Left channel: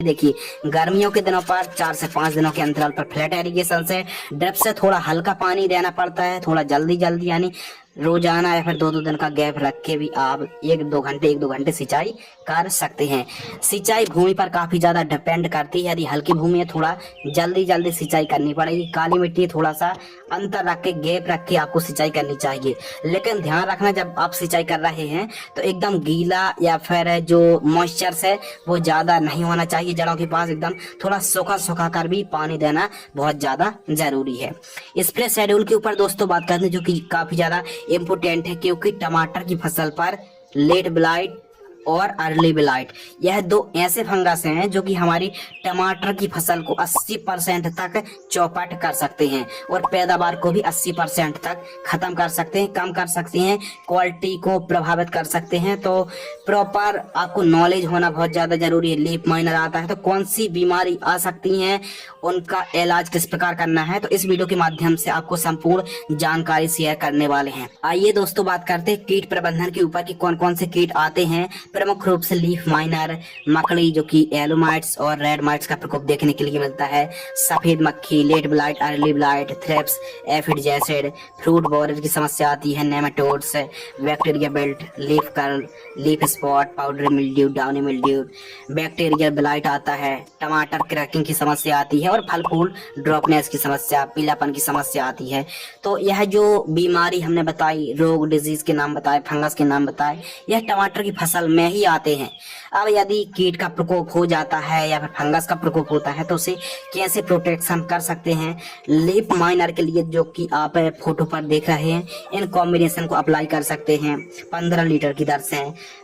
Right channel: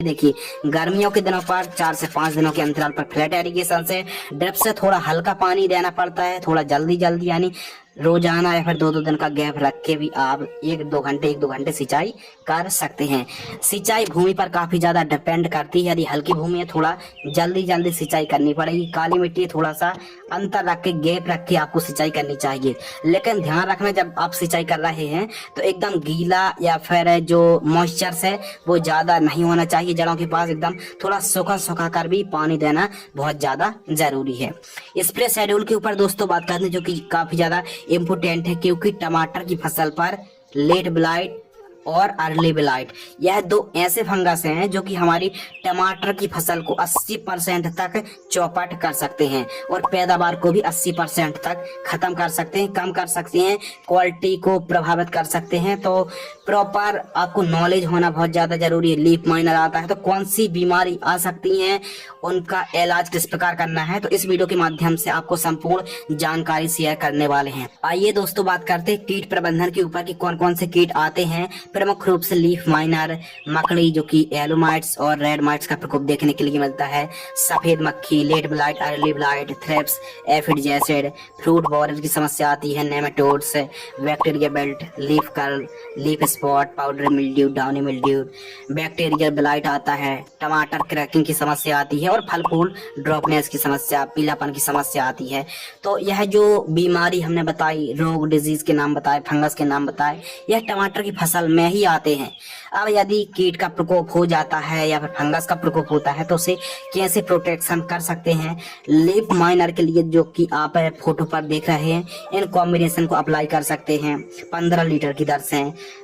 देखिए गर्मियों के दिनों पर 4 से 5 दिनों के अंतराल पर फ्लैट एरिगेशन से ड्रिप से थोड़ा हल्का पानी देना पड़ता है, थोड़ा जल्दी जल्दी यानी रोजाना या फिर 2-2 दिन का गैप रख के भी आप 1-2 घंटे सिंचाई कर सकते हैं। सिंचाई भूमि पर काफी ज्यादा डिपेंड करती है। यदि हल्की भूमि है थोड़ा जल्दी जल्दी सिंचाई करनी पड़ेगी, काली मिट्टी थोड़ा सा अंतर रख के गैप रख के आपको सिंचाई करनी चाहिए। लेकिन ध्यान रखना जब आप सिंचाई कर रहे हैं तो एकदम गीला या फिर जो मॉइस्चर है वो ज्यादा नहीं होना चाहिए। जड़ों के पास एकदम थोड़ा सूखा सूखा कर भी पानी देना बहुत ज्यादा जरूरी है। स्प्रे शेड्यूल के ऊपर दोस्तों बात करते हैं जो कि काफी ज्यादा इम्पोर्टेंट है, क्योंकि टमाटर की फसल पर लेट ब्लाइट और अर्ली ब्लाइट यह दो ऐसे फंगस हैं जो कि हमारी टमाटर की फसल को 80% तक चौपट कर सकते हैं और पैदावार को भी 80% तक खत्म कर सकते हैं, कम कर सकते हैं, क्वालिटी को प्रभावित कर सकते हैं। तो प्रॉपर आपको नॉलेज होना बहुत ज्यादा जरूरी है। लीफ माइनर आता है तो कौन सी बीमारी आ सकती है, उनका इलाज किस प्रकार करना है, तो इस वीडियो के माध्यम से आपको संपूर्ण जानकारी शेयर करने वाले हैं। आइए दोस्तों बात करते हैं कीट प्रबंधन के ऊपर कि कौन कौन से कीट आते हैं। प्रमुख रूप से लीफ माइनर, मकड़ी जो कि येलो माइट्स और रेड माइट्स का प्रकोप देखने के लिए मिलता है, सफेद मक्खी, late blight, early blight, thrips, aphid jassid, fruit borer की समस्या आती है, nematodes, bacteria belt, leaf curl, leaf spot, powder mildew, downy mildew, bacteria blight आता है, टमाटर क्रैकिंग की समस्या आती है और फल फूल ड्रॉपनेस की समस्या, पीलापन की समस्या आती है। तो यह जो बीमारी हमने बताई, रोग डिजीज के नाम बताए, फंगस के नाम बताए, यह टमाटर की फसल में ही आते हैं। अब यदि कीट का प्रकोप हो जाता है या फिर फंगस का प्रकोप होता है तो उसे कैसे प्रोटेक्शन कर सकते हैं। लीफ माइनर के लिए जो कि आप फोटो पर देख रहे हैं, इन कॉम्बिनेशन को अप्लाई कर सकते हैं 15 लीटर की दर से।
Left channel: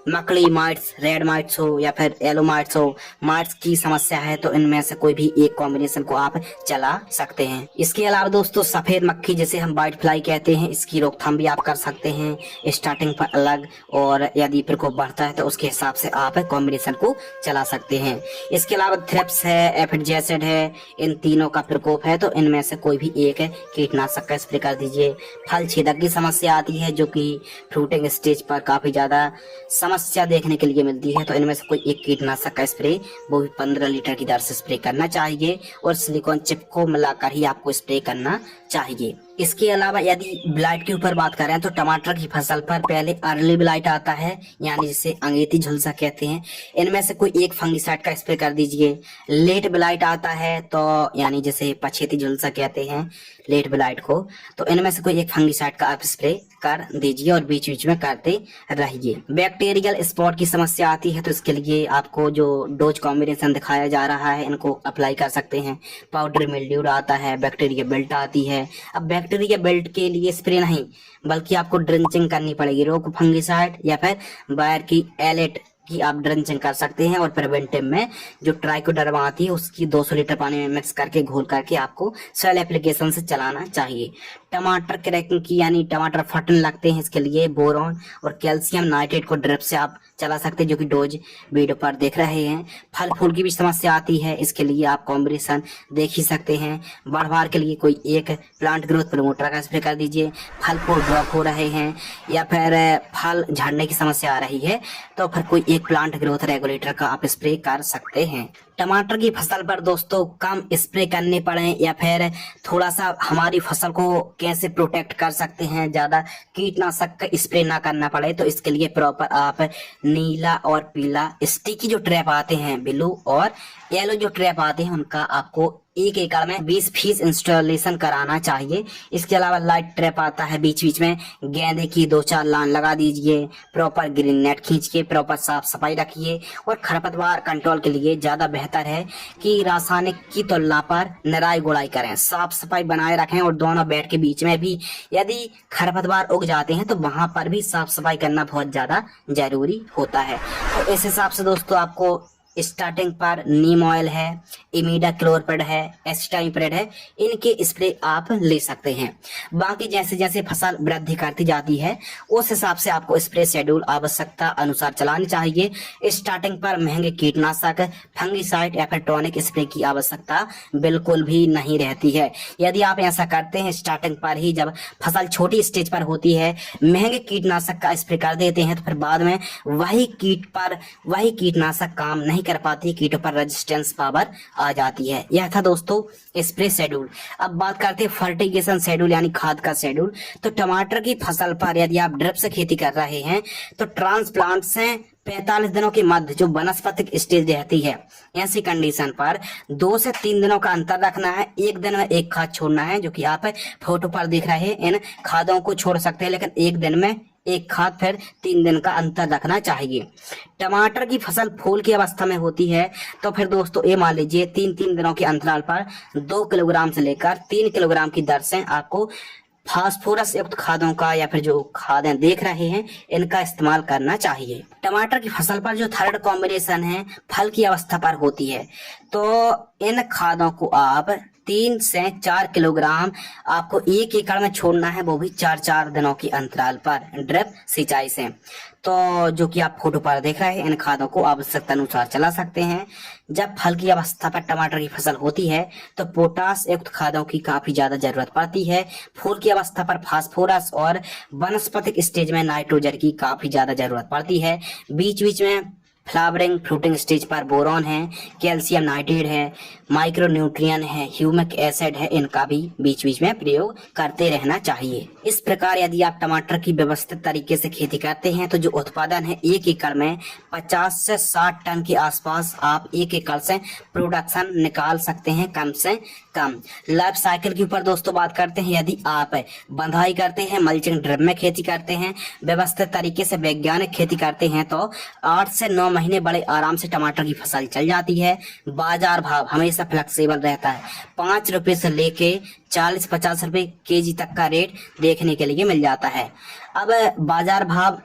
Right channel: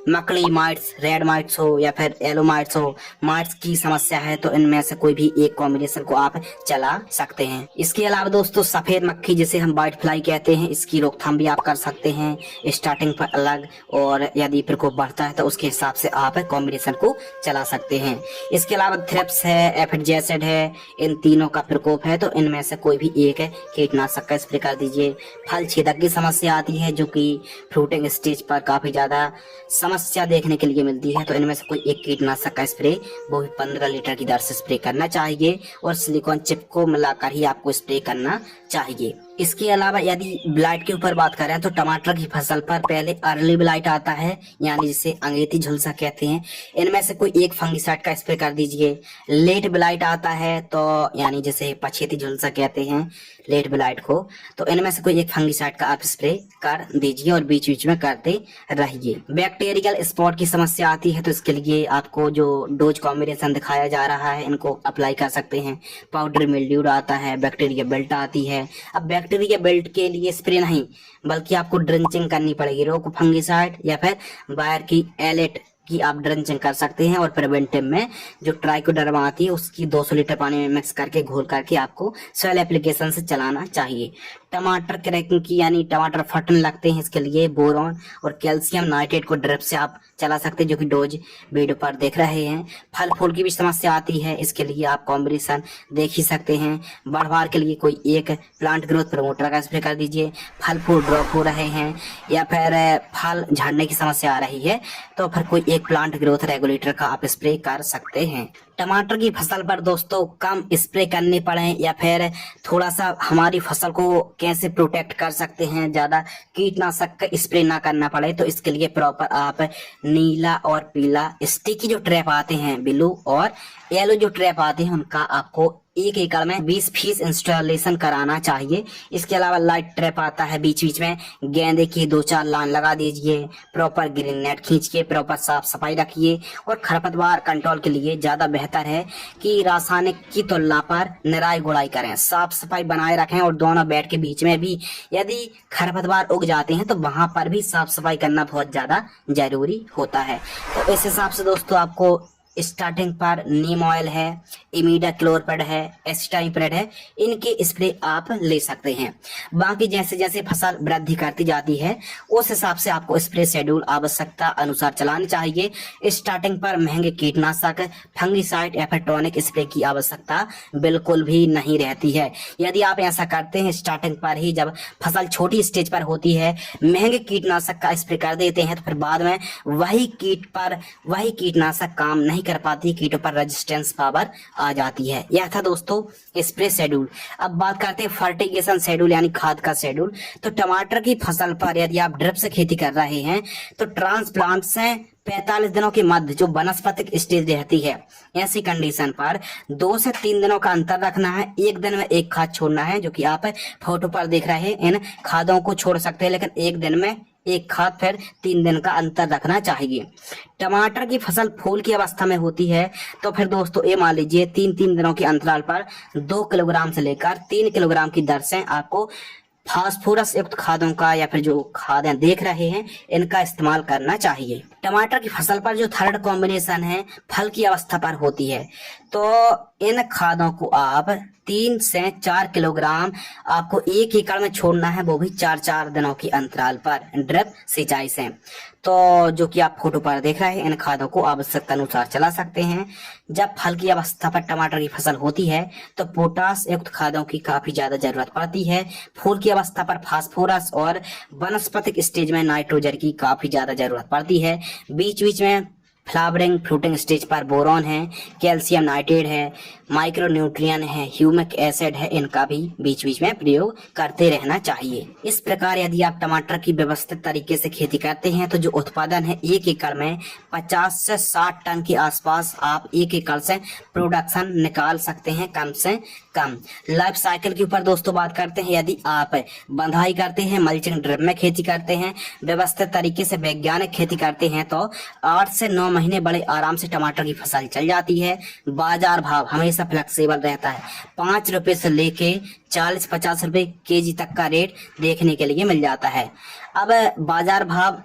मकड़ी माइट्स, रेड माइट्स हो या फिर येलो माइट्स हो, माइट्स की समस्या है तो इनमें से कोई भी एक कॉम्बिनेशन को आप चला सकते हैं। इसके अलावा दोस्तों सफेद मक्खी जिसे हम व्हाइट फ्लाई कहते हैं, इसकी रोकथाम भी आप कर सकते हैं स्टार्टिंग पर अलग, और यदि प्रकोप बढ़ता है तो उसके हिसाब से आप कॉम्बिनेशन को चला सकते हैं। इसके अलावा थ्रिप्स है, एफिड जैसिड है, इन तीनों का प्रकोप है तो इनमें से कोई भी एक कीटनाशक का स्प्रे कर दीजिए। फल छेदक की समस्या आती है जो कि फ्रूटिंग स्टेज पर काफी ज्यादा समस्या देखने के लिए मिलती है, तो इनमें से कोई एक कीटनाशक का स्प्रे वो भी 15 लीटर की दर से स्प्रे करना चाहिए और सिलिकॉन चिप को मिलाकर ही आपको स्प्रे करना चाहिए। इसके अलावा यदि ब्लाइट के ऊपर बात करें तो टमाटर की फसल पर पहले अर्ली ब्लाइट आता है, यानी जिसे अंगेती झुलसा कहते हैं, इनमें से कोई एक फंगिसाइड का स्प्रे कर दीजिए। लेट ब्लाइट आता है तो यानी जिसे पछेती झुलसा कहते हैं, लेट ब्लाइट को, तो इनमें से कोई एक फंगिसाइड का आप स्प्रे कर दीजिए और बीच बीच में करते रहिए। बैक्टीरियल स्पॉट की समस्या आती है तो इसके लिए आपको जो डोज कॉम्बिनेशन दिखाया जा रहा है इनको अप्लाई कर सकते हैं। पाउडर मिल्ड्यू आता है, बैक्टीरिया बेल्ट आती है। अब बैक्टीरिया बेल्ट के लिए स्प्रे नहीं बल्कि आपको ड्रिंचिंग करनी पड़ेगी। रोको फंगिसाइड या फिर बायर की एलेट की आप ड्रिंचिंग कर सकते हैं और प्रिवेंटिव में जो ट्राइकोडर्मा आती है उसकी 200 लीटर पानी में मिक्स करके घोल करके आपको सॉइल एप्लीकेशन से चलाना चाहिए। टमाटर क्रैकिंग की यानी टमाटर फटने लगते हैं, इसके लिए बोरॉन और कैल्शियम नाइट्रेट को ड्रिप से आप चला सकते हैं जो कि डोज वीडियो पर देख रहे हैं। फल फूल की भी समस्या आती है, इसके लिए आप कॉम्बिनेशन देख ही सकते हैं। बढ़वार के लिए कोई एक प्लांट ग्रोथ प्रमोटर का स्प्रे कर दीजिए। फल फूल ड्रॉप हो रहे हैं या फिर फल झड़ने की समस्या आ रही है तो फिर कोई एक प्लांट ग्रोथ रेगुलेटर का आप स्प्रे कर सकते हैं। टमाटर की फसल पर दोस्तों कम स्प्रे करने पड़े या फिर थोड़ा सा हमारी फसल को कैसे प्रोटेक्ट कर सकते हैं, ज्यादा कीटनाशक का स्प्रे ना करना पड़े, तो इसके लिए प्रॉपर आप नीला और पीला स्टिकी जो ट्रैप आते हैं, ब्लू और येलो जो ट्रैप आते हैं, उनका आपको 1 एकड़ में 20 फीस इंस्टॉलेशन कराना चाहिए। इसके अलावा लाइट ट्रैप आता है, बीच बीच में गेंदे की 2-4 लाइन लगा दीजिए। प्रॉपर ग्रीन नेट खींच के प्रॉपर साफ सफाई रखिए और खरपतवार कंट्रोल के लिए ज्यादा बेहतर है कि रासायनिक की तुलना पर निराई गुड़ाई करें, साफ सफाई बनाए रखें और दोनों बेड के बीच में भी यदि खरपतवार उग जाते हैं तो वहां पर भी साफ सफाई करना बहुत ज्यादा जरूरी होता है। तो इस हिसाब से दोस्तों आपको स्टार्टिंग पर नीम ऑयल है, इमिडाक्लोरपिड है, एसिटाइप्रिड है, इनके स्प्रे आप ले सकते हैं। बाकी जैसे जैसे फसल वृद्धि करती जाती है उस हिसाब से आपको स्प्रे शेड्यूल आवश्यकता अनुसार चलानी चाहिए। स्टार्टिंग पर महंगे कीटनाशक, फंगिसाइड या फिर टॉनिक स्प्रे की आवश्यकता बिल्कुल भी नहीं रहती है। यदि आप ऐसा करते हैं स्टार्टिंग पर ही, जब फसल छोटी स्टेज पर होती है, महंगे कीटनाशक का स्प्रे कर देते हैं तो फिर बाद में वही कीट पर वही कीटनाशक काम नहीं कर पाती, कीटों पर रेजिस्टेंस पावर आ जाती है। यह था दोस्तों स्प्रे शेड्यूल। अब बात करते हैं फर्टिगेशन शेड्यूल यानी खाद का शेड्यूल। तो टमाटर की फसल पर यदि आप ड्रिप से खेती कर रहे हैं तो ट्रांसप्लांट से 45 दिनों के मध्य जो वनस्पतिक स्टेज रहती है, ऐसी कंडीशन पर 2 से 3 दिनों का अंतर रखना है। एक दिन में एक खाद छोड़ना है, जो कि आप फोटो पर देख रहे हैं। इन खादों को छोड़ सकते हैं, लेकिन एक दिन में एक खाद, फिर 3 दिन का अंतर रखना चाहिए। टमाटर की फसल फूल की अवस्था में होती है तो फिर दोस्तों ये मान लीजिए 3-3 दिनों के अंतराल पर 2 किलोग्राम से लेकर 3 किलोग्राम की दर से आपको फास्फोरस युक्त खादों का या फिर जो खादें देख रहे हैं इनका इस्तेमाल करना चाहिए। टमाटर की फसल पर जो थर्ड कॉम्बिनेशन है फल की अवस्था पर होती है, तो इन खादों को आप 3 से 4 किलोग्राम आपको 1 एकड़ में छोड़ना है, वो भी 4-4 दिनों की अंतराल पर ड्रिप सिंचाई से। तो जो कि आप फोटो पर देख रहे हैं, इन खादों को आवश्यकता अनुसार चला सकते हैं। जब फल की अवस्था पर टमाटर की फसल होती है तो पोटास युक्त खादों की काफी ज्यादा जरूरत पड़ती है। फूल की अवस्था पर फास्फोरस और वनस्पतिक स्टेज में नाइट्रोजन की काफी ज्यादा जरूरत पड़ती है। बीच बीच में फ्लावरिंग फ्रूटिंग स्टेज पर बोरॉन है, कैल्शियम नाइट्रेट है, माइक्रोन्यूट्रिएंट है, ह्यूमिक एसिड है, इनका भी बीच बीच में प्रयोग करते रहना चाहिए। इस प्रकार यदि आप टमाटर की व्यवस्थित तरीके से खेती करते हैं तो जो उत्पादन है 1 एकड़ में 50 से 60 टन के आसपास आप 1 एकड़ से प्रोडक्शन निकाल सकते हैं, कम से कम। लाइफ साइकिल के ऊपर दोस्तों बात करते हैं। यदि आप बंधाई करते हैं, मल्चिंग ड्रिप में खेती करते हैं, व्यवस्थित तरीके से वैज्ञानिक खेती करते हैं तो 8 से 9 महीने बड़े आराम से टमाटर की फसल चल जाती है। बाजार भाव हमेशा फ्लेक्सिबल रहता है। 5 रुपए से लेके 40-50 रुपए केजी तक का रेट देखने के लिए मिल जाता है। अब बाजार भाव